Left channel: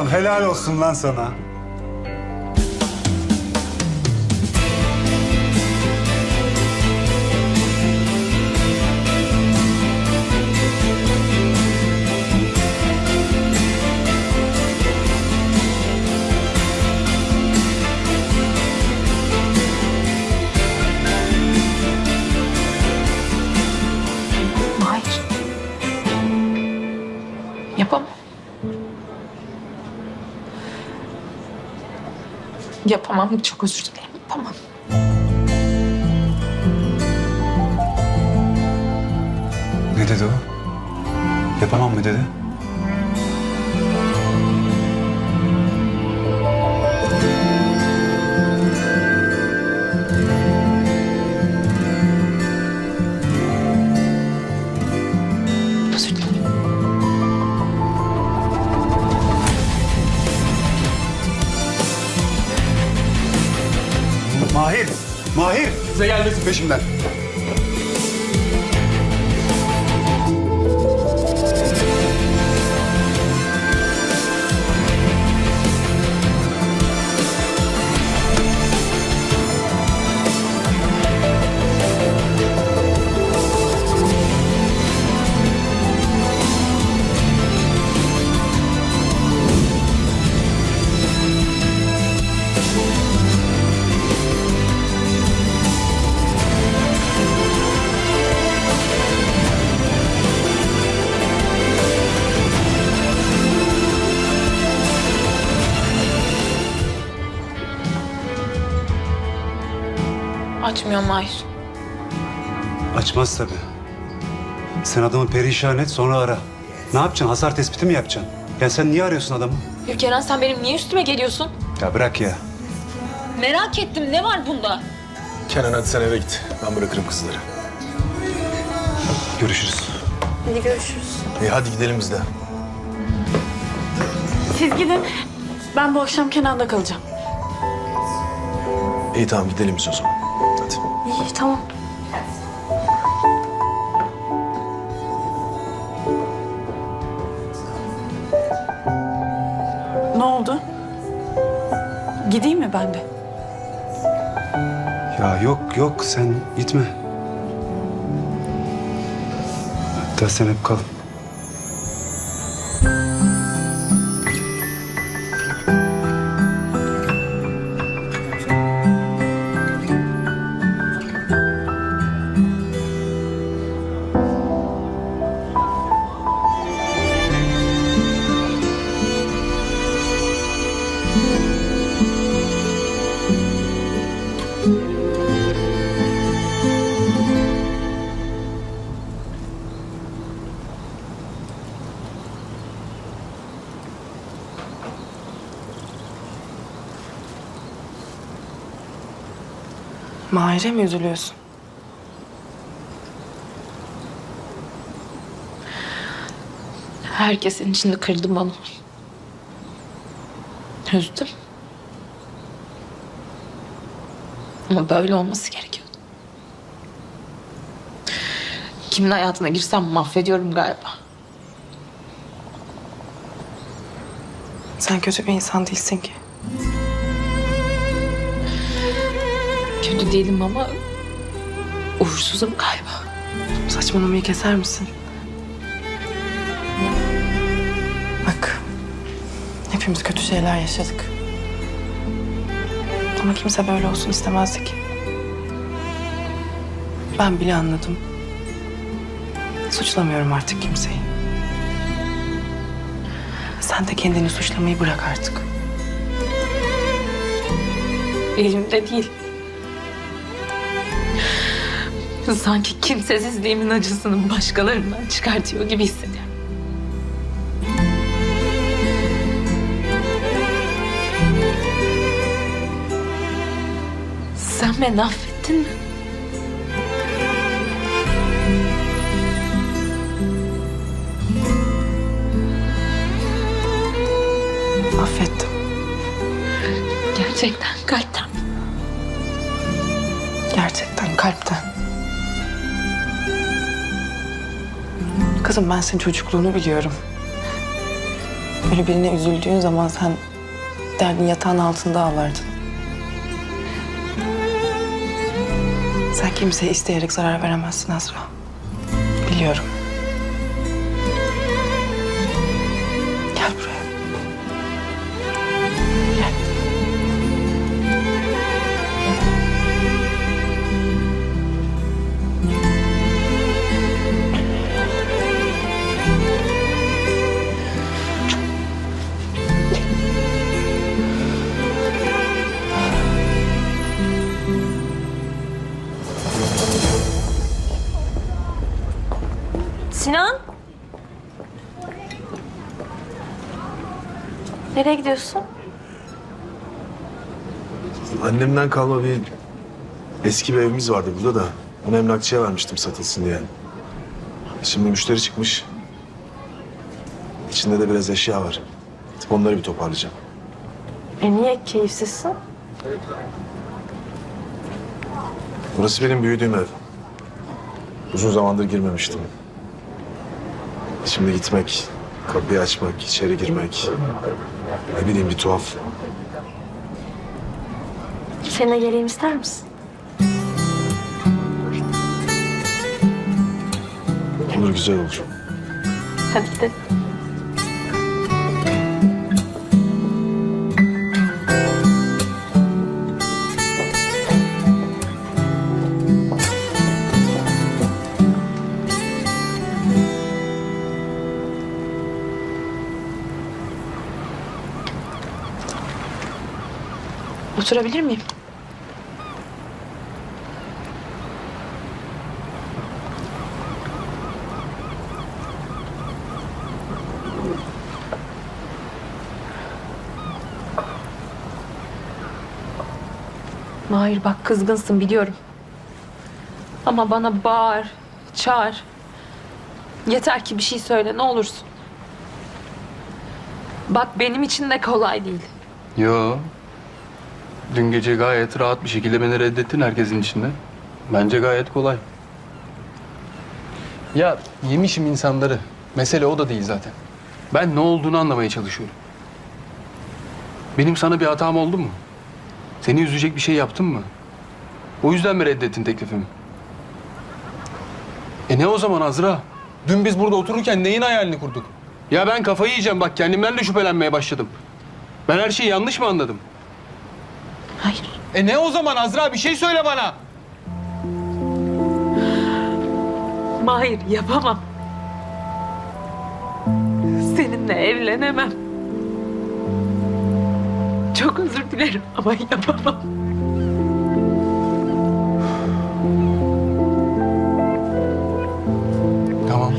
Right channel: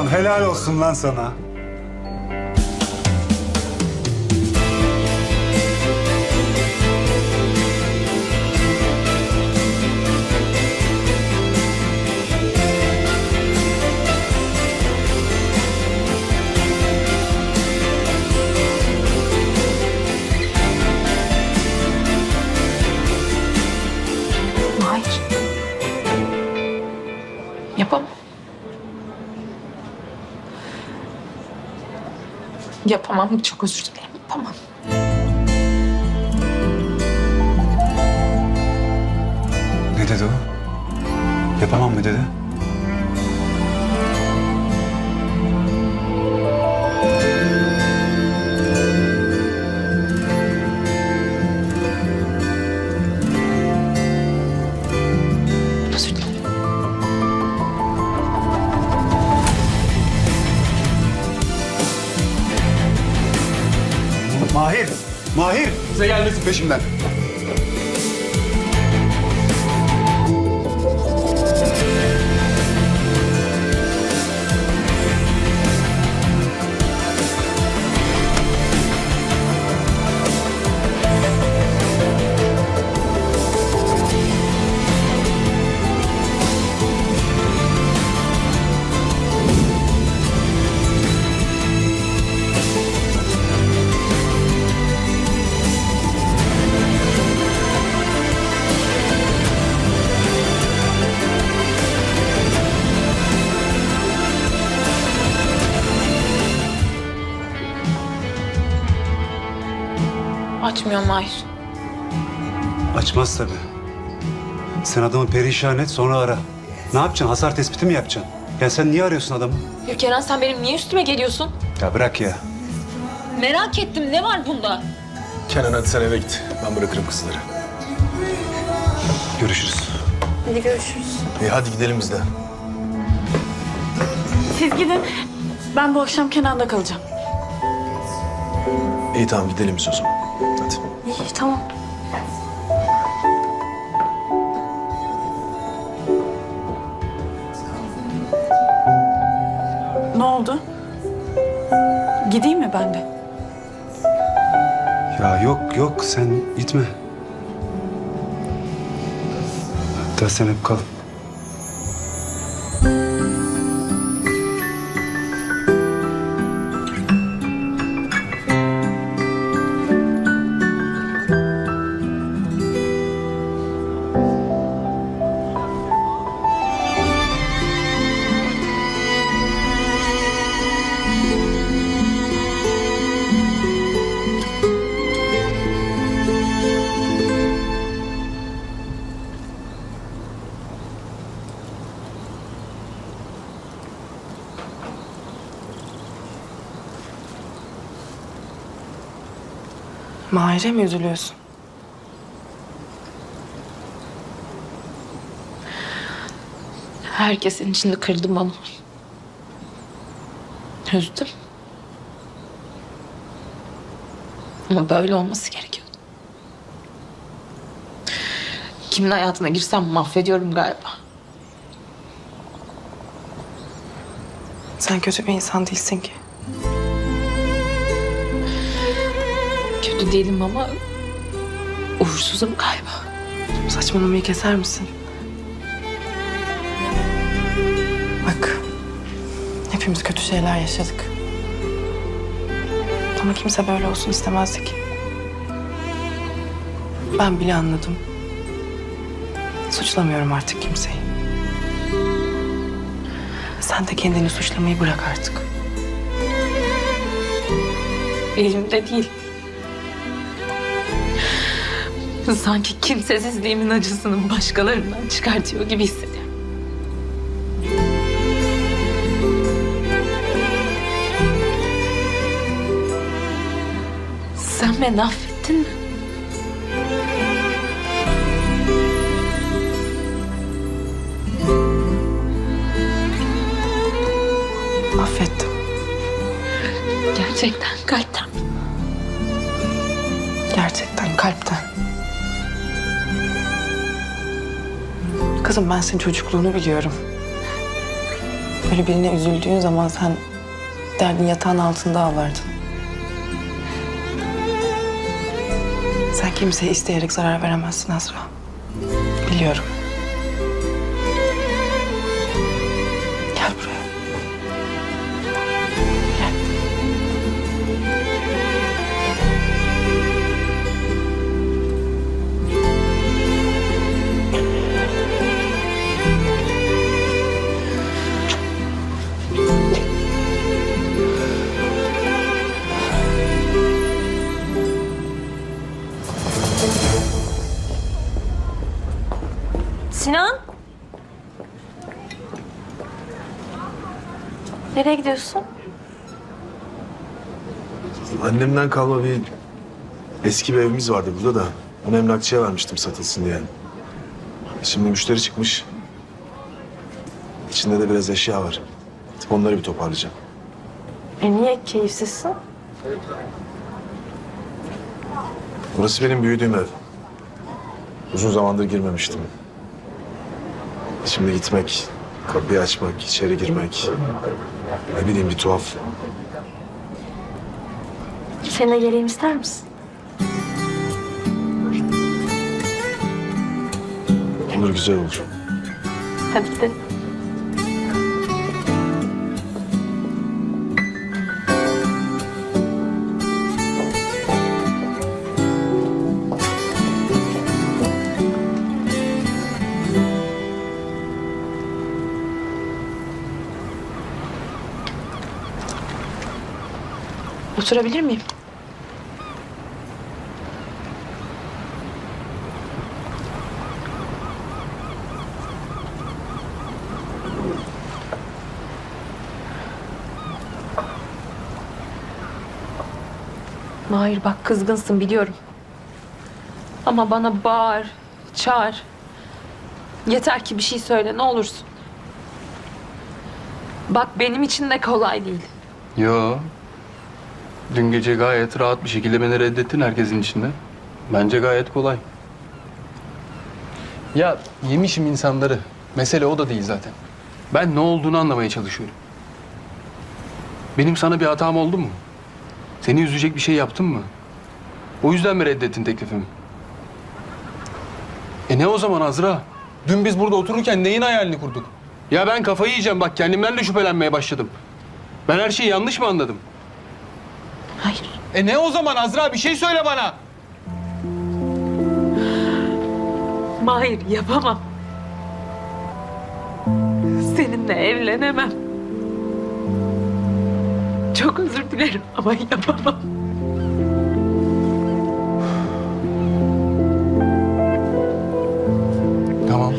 Ulan helal olsun lan sana. Yapamam. Çok özür dilerim. Yapamam. Ne dedi o? Yapamam mı dedi? Size gelmesin peşimden. Açmıyor Mahir. Açmaz tabii. Sen adamı perişan et sonra ara. Ne yapacaksın? Hasar tespiti mi yapacaksın? Ya sen niye arıyorsun adamı? Ya Kenan sen benim niye üstüme geliyorsun? Ya bırak ya. Merak ettim. Ne var bunda? Kenan hadi sen eve git. Ben bırakırım kızları. Görüşürüz. Hadi görüşürüz. İyi hadi gidelim biz de. Siz gidin. Ben bu akşam Kenan'da kalacağım. İyi tamam gidelim biz o zaman. İyi tamam. Ne oldu? Gideyim mi ben de? Ya yok yok sen gitme. Hatta sen hep kal. Mahir'e mi üzülüyorsun? Herkesin içinde kırdım onu. Üzdüm. Ama böyle olması gerekiyordu. Kimin hayatına girsem mahvediyorum galiba. Sen kötü bir insan değilsin ki. Kötü değilim ama uğursuzum galiba. Saçmalamayı keser misin? Bak, hepimiz kötü şeyler yaşadık. Ama kimse böyle olsun istemezdi ki. Ben bile anladım. Suçlamıyorum artık kimseyi. Sen de kendini suçlamayı bırak artık. Elimde değil. Sanki kimsesizliğimin acısını başkalarından çıkartıyor gibi hissediyorum. Sen beni affettin mi? Affettim. Gerçekten kalpten. Gerçekten kalpten. Kızım ben senin çocukluğunu biliyorum. Öyle birine üzüldüğün zaman sen derdin yatağın altında ağlardın. Sen kimseye isteyerek zarar veremezsin Azra. Biliyorum. Nereye gidiyorsun? Annemden kalma bir eski bir evimiz vardı burada da. Onu emlakçıya vermiştim satılsın diye. Şimdi müşteri çıkmış. İçinde de biraz eşya var. Artık onları bir toparlayacağım. E niye keyifsizsin? Burası benim büyüdüğüm ev. Uzun zamandır girmemiştim. Şimdi gitmek, kapıyı açmak, içeri girmek. Ne bileyim bir tuhaf. Seninle geleyim ister misin? Olur güzel olur. Hadi gidelim. Oturabilir miyim? Mahir bak kızgınsın biliyorum. Ama bana bağır, çağır. Yeter ki bir şey söyle ne olursun. Bak benim için de kolay değil. Yo. Dün gece gayet rahat bir şekilde beni reddettin herkesin içinde. Bence gayet kolay. Ya yemişim insanları. Mesele o da değil zaten. Ben ne olduğunu anlamaya çalışıyorum. Benim sana bir hatam oldu mu? Seni üzecek bir şey yaptım mı? O yüzden mi reddettin teklifimi? E ne o zaman Azra? Dün biz burada otururken neyin hayalini kurduk? Ya ben kafayı yiyeceğim bak kendimden de şüphelenmeye başladım. Ben her şeyi yanlış mı anladım? Hayır. E ne o zaman Azra bir şey söyle bana. Mahir yapamam. Seninle evlenemem. Çok özür dilerim ama yapamam. Tamam.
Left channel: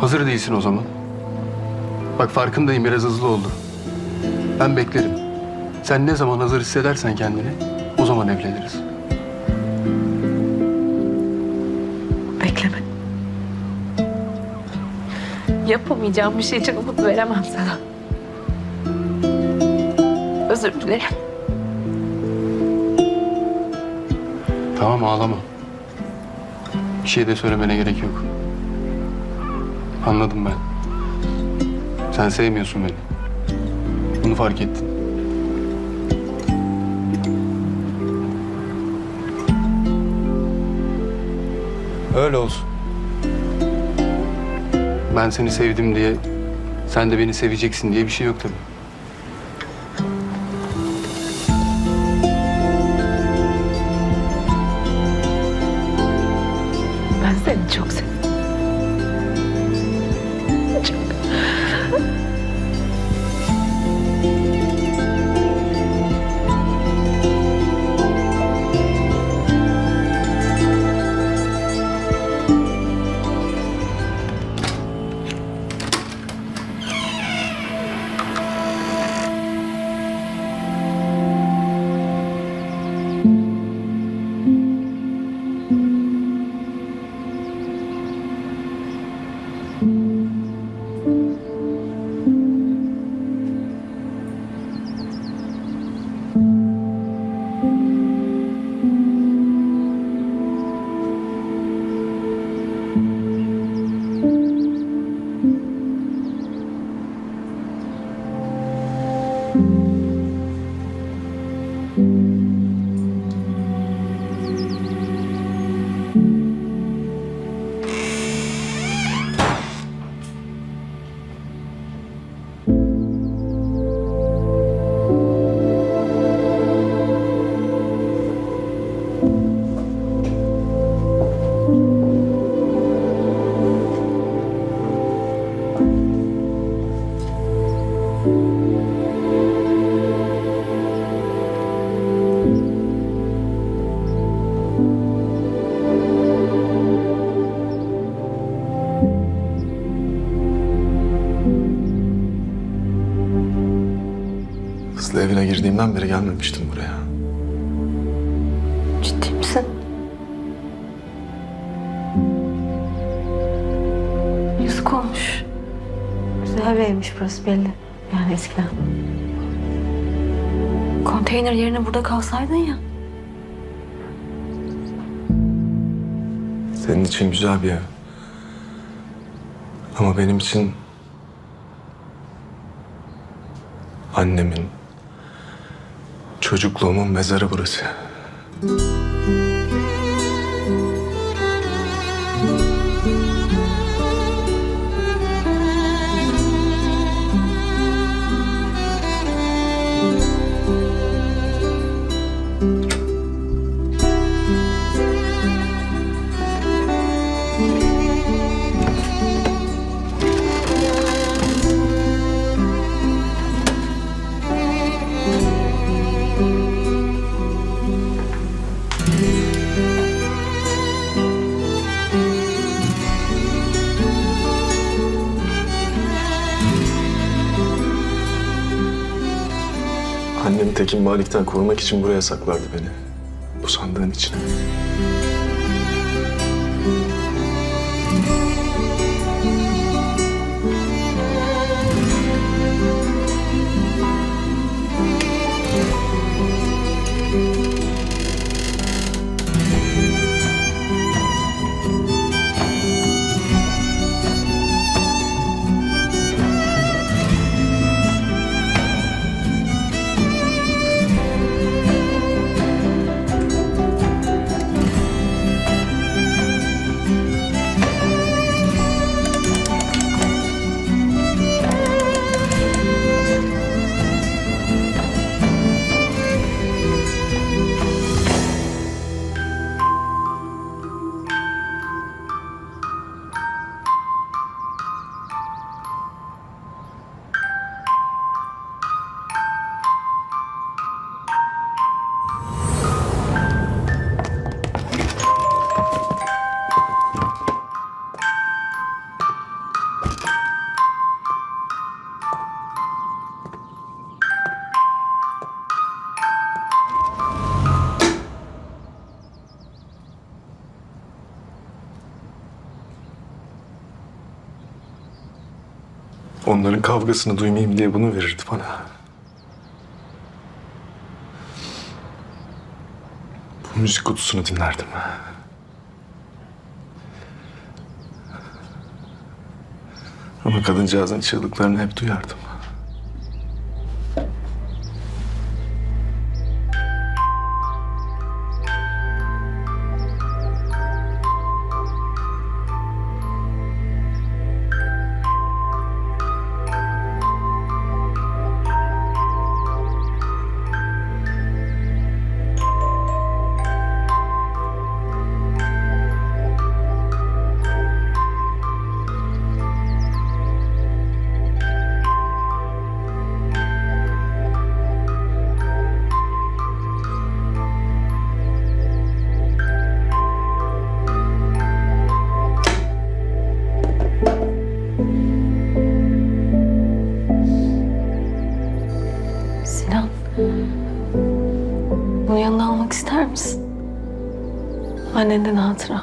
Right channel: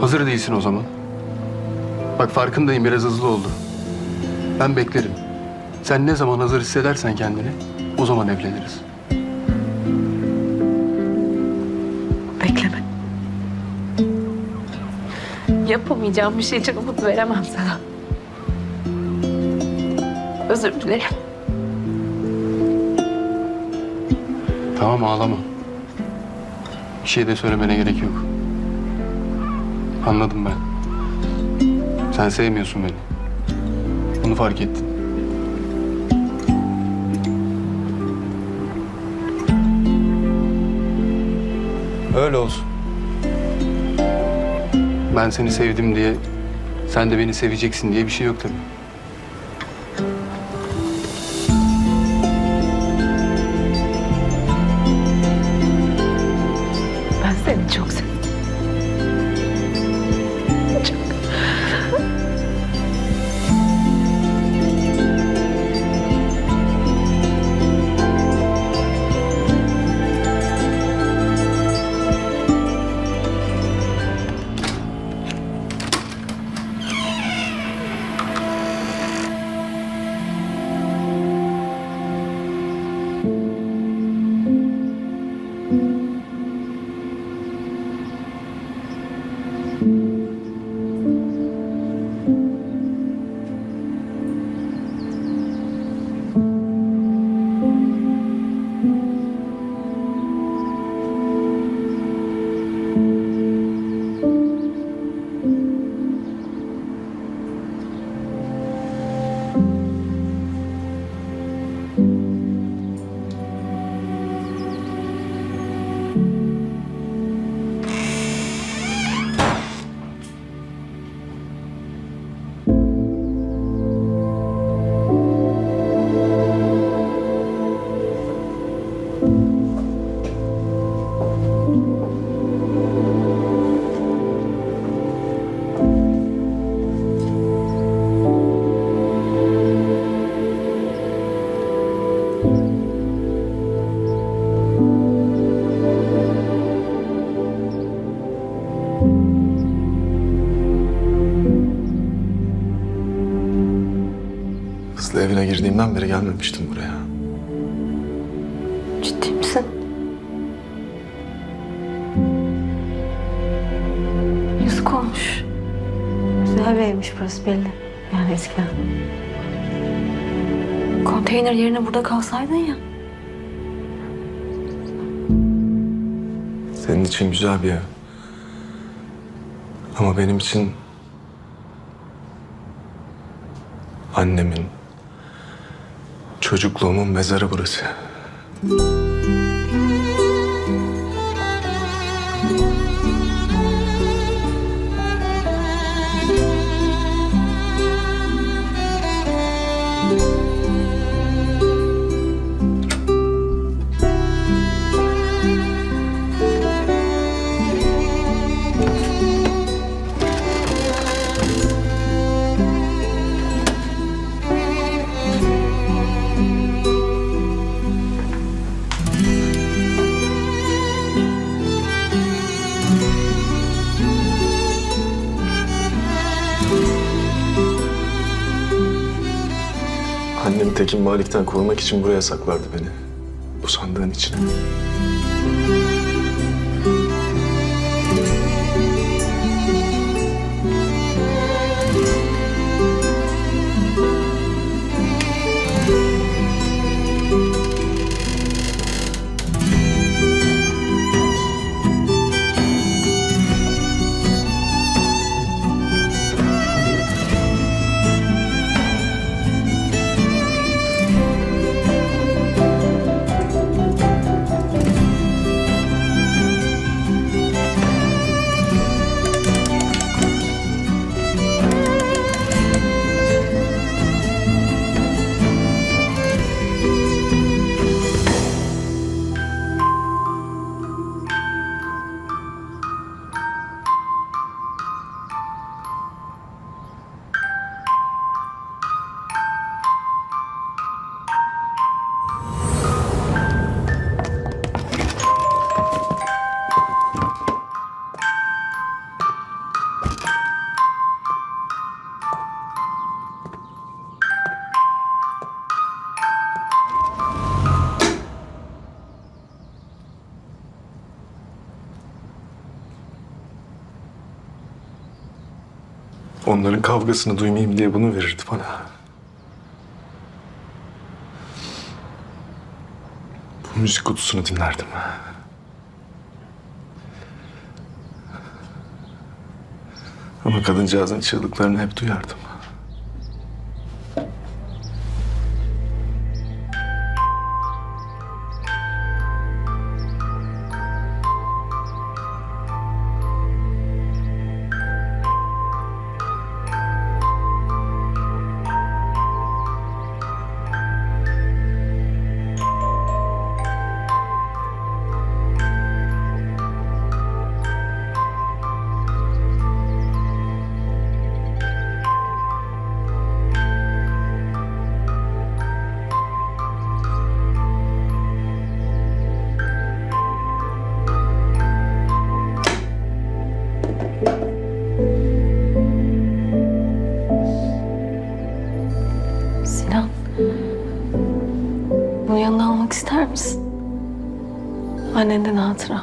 Hazır değilsin o zaman. Bak farkındayım biraz hızlı oldu. Ben beklerim. Sen ne zaman hazır hissedersen kendini o zaman evleniriz. Bekleme. Yapamayacağım bir şey için umut veremem sana. Özür dilerim. Tamam ağlama. Bir şey de söylemene gerek yok. Anladım ben. Sen sevmiyorsun beni. Bunu fark ettin. Öyle olsun. Ben seni sevdim diye, sen de beni seveceksin diye bir şey yok tabii. Ben seni çok seviyorum. Çok. Evine girdiğimden beri gelmemiştim buraya. Ciddi misin? Yazık olmuş. Güzel bir evmiş burası belli. Yani eskiden. Konteyner yerine burada kalsaydın ya. Senin için güzel bir ev. Ama benim için... Annemin, çocukluğumun mezarı burası. Tekin Malik'ten korumak için buraya saklardı beni. Bu sandığın içine. Onların kavgasını duymayayım diye bunu verirdi bana. Bu müzik kutusunu dinlerdim. Ama kadıncağızın çığlıklarını hep duyardım. Annenden hatıra.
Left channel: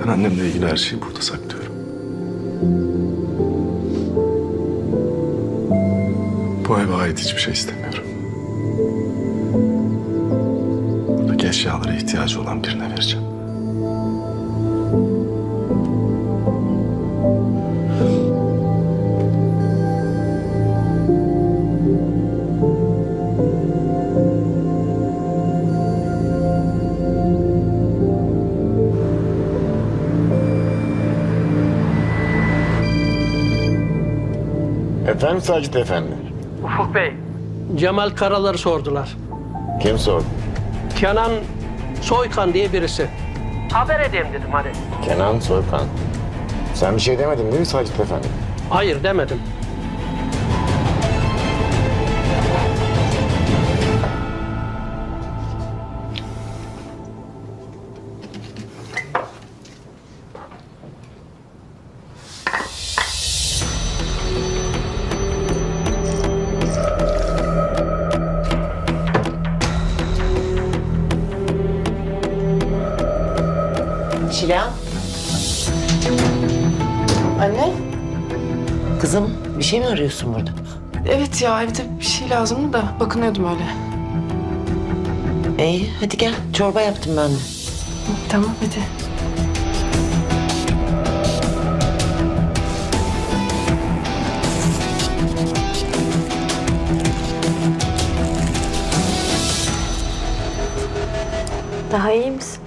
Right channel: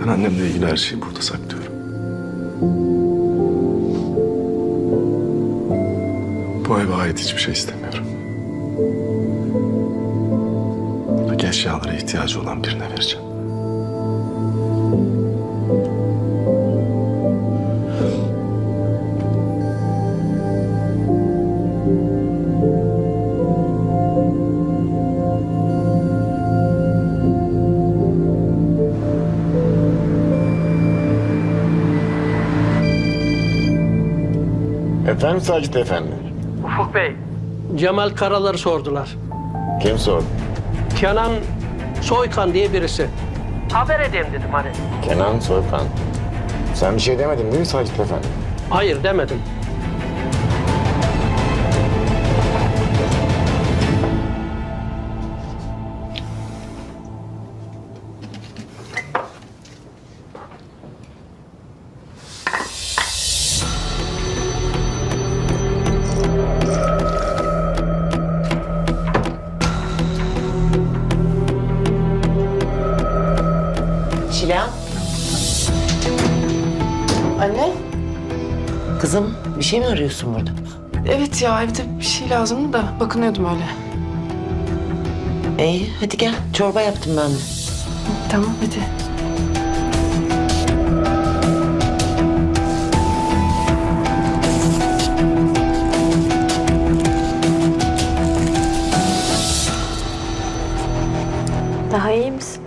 Ben annemle ilgili her şeyi burada saklıyorum. Bu eve ait hiçbir şey istemiyorum. Buradaki eşyalara ihtiyacı olan birine vereceğim. Efendim Sacit Efendi? Ufuk Bey, Cemal Karalar'ı sordular. Kim sordu? Kenan Soykan diye birisi. Haber edeyim dedim hani. Kenan Soykan. Sen bir şey demedin değil mi Sacit Efendi? Hayır demedim. Çilem, Anne? kızım bir şey mi arıyorsun burada? Evet ya evde bir şey lazımdı da bakınıyordum öyle. İyi, hadi gel. Çorba yaptım ben de. Tamam hadi. Daha iyi misin?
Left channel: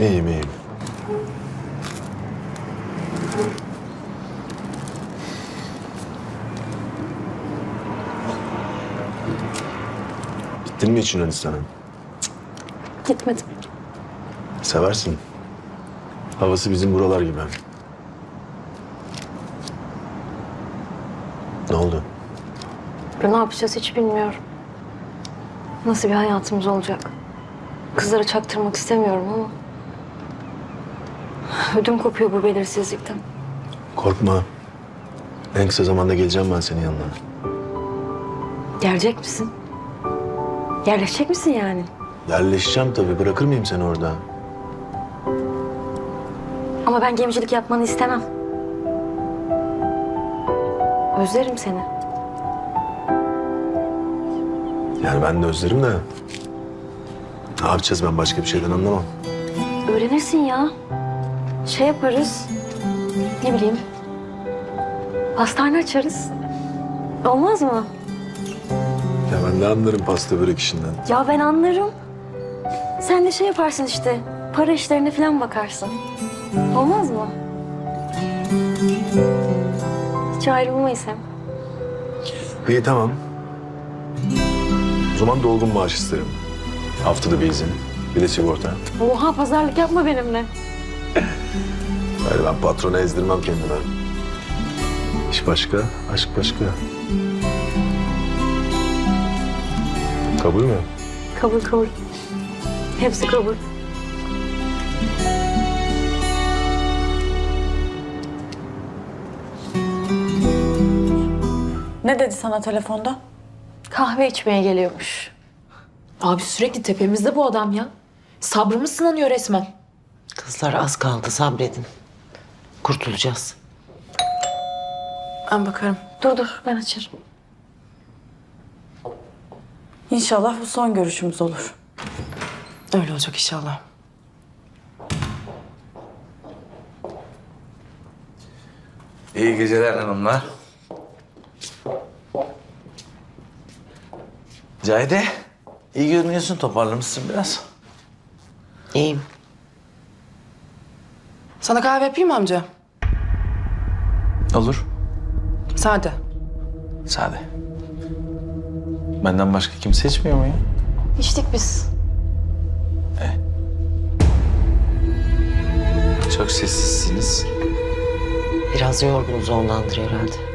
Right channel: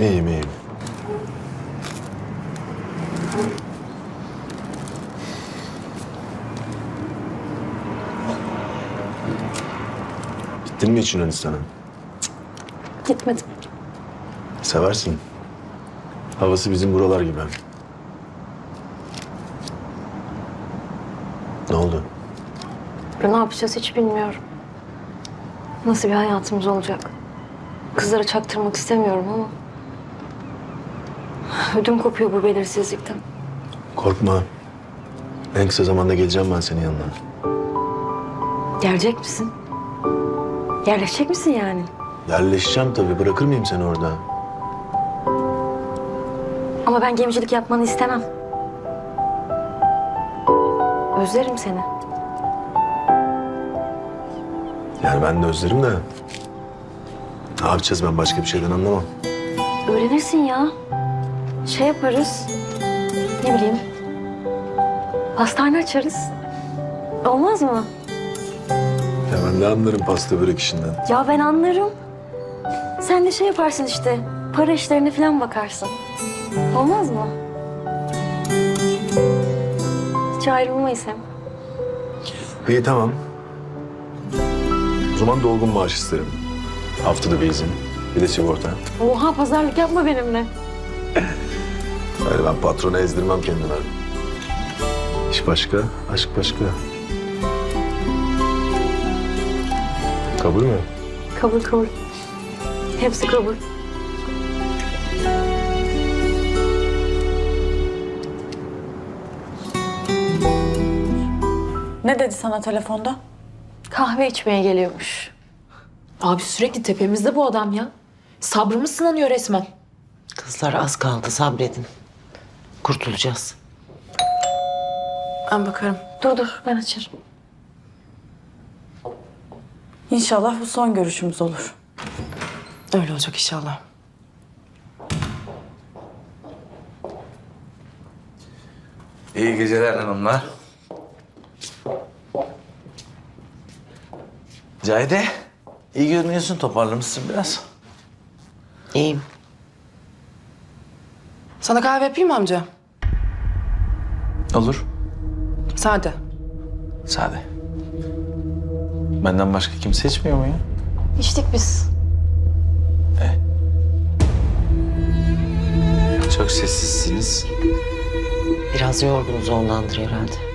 İyiyim iyiyim. Gittin mi hiç Yunanistan'a? Gitmedim. Seversin. Havası bizim buralar gibi. Ne oldu? Ne yapacağız hiç bilmiyorum. Nasıl bir hayatımız olacak? Kızlara çaktırmak istemiyorum ama... Ödüm kopuyor bu belirsizlikten. Korkma. En kısa zamanda geleceğim ben senin yanına. Gelecek misin? Yerleşecek misin yani? Yerleşeceğim tabii. Bırakır mıyım seni orada? Ama ben gemicilik yapmanı istemem. Özlerim seni. Yani ben de özlerim de. Ne yapacağız ben başka bir şeyden anlamam. Öğrenirsin ya. Şey yaparız. Ne bileyim. Pastane açarız. Olmaz mı? Ya ben de anlarım pasta börek işinden. Ya ben anlarım. Sen de şey yaparsın işte. Para işlerine falan bakarsın. Olmaz mı? Hiç ayrılmayız hem. İyi tamam. O zaman dolgun maaş isterim. Haftada bir izin. Bir de sigorta. Oha pazarlık yapma benimle. Öyle ben patrona ezdirmem kendime. İş başka, aşk başka. Kabul mü? Kabul kabul. Hepsi kabul. Ne dedi sana telefonda? Kahve içmeye geliyormuş. Abi sürekli tepemizde bu adam ya. Sabrımız sınanıyor resmen. Kızlar az kaldı, sabredin. Kurtulacağız. Ben bakarım. Dur dur ben açarım. İnşallah bu son görüşümüz olur. Öyle olacak inşallah. İyi geceler hanımlar. Cahide, iyi görünüyorsun. Toparlamışsın biraz. İyiyim. Sana kahve yapayım mı amca? Olur. Sade. Sade. Benden başka kimse içmiyor mu ya? İçtik biz. Çok sessizsiniz. Biraz yorgunuz ondandır herhalde.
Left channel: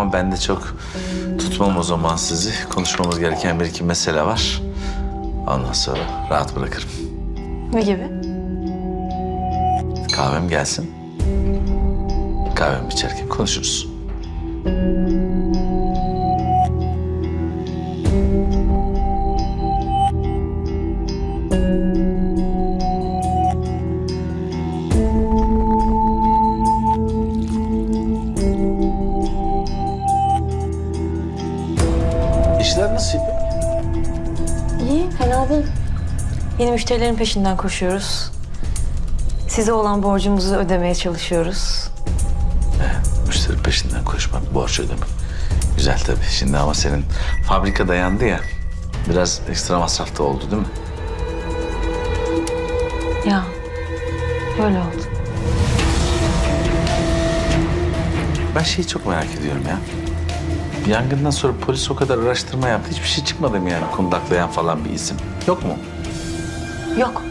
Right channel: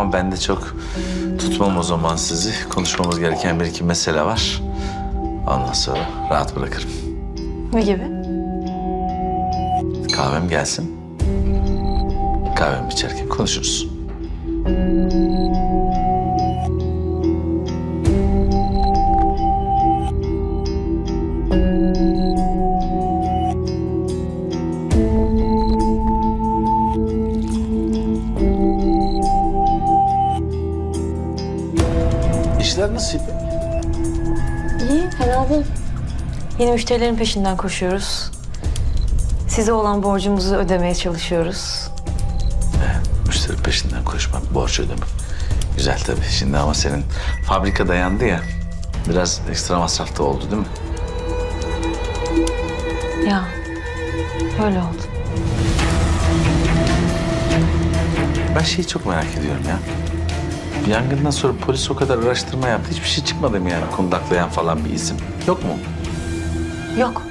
Tamam ben de çok tutmam o zaman sizi. Konuşmamız gereken bir iki mesele var. Ondan sonra rahat bırakırım. Ne gibi? Kahvem gelsin. Kahvemi içerken konuşuruz. Yeni müşterilerin peşinden koşuyoruz. Size olan borcumuzu ödemeye çalışıyoruz. Müşteri peşinden koşmak, borç ödemek. Güzel tabii. Şimdi ama senin fabrika dayandı ya. Biraz ekstra masraf da oldu değil mi? Ya, öyle oldu. Ben şeyi çok merak ediyorum ya. Yangından sonra polis o kadar araştırma yaptı. Hiçbir şey çıkmadı mı yani kundaklayan falan bir isim? Yok mu? Yok,